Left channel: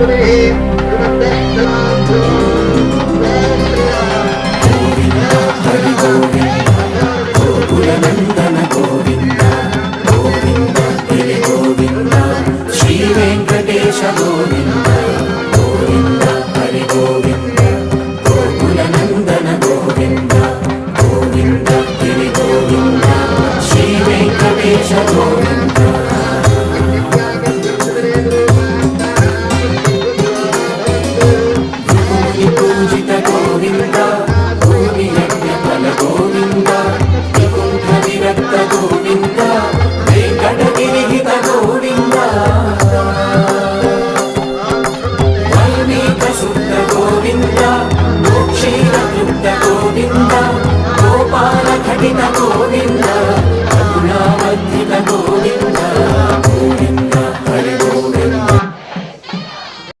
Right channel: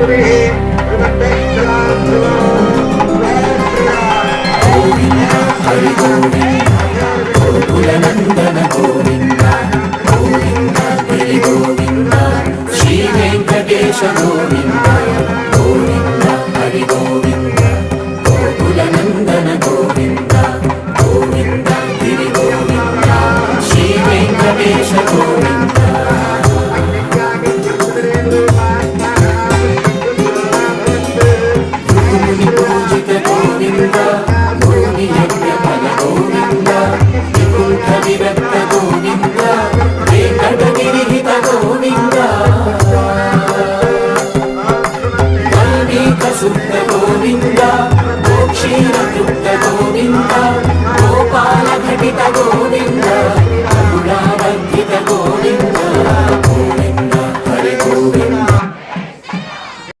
Hari Govinda గోకులనందన Govinda Govinda Hari Govinda Shri Venkatesha Govinda Govinda Hari Govinda గోకులనందన Govinda Govinda Hari Govinda Shri Venkatesha Govinda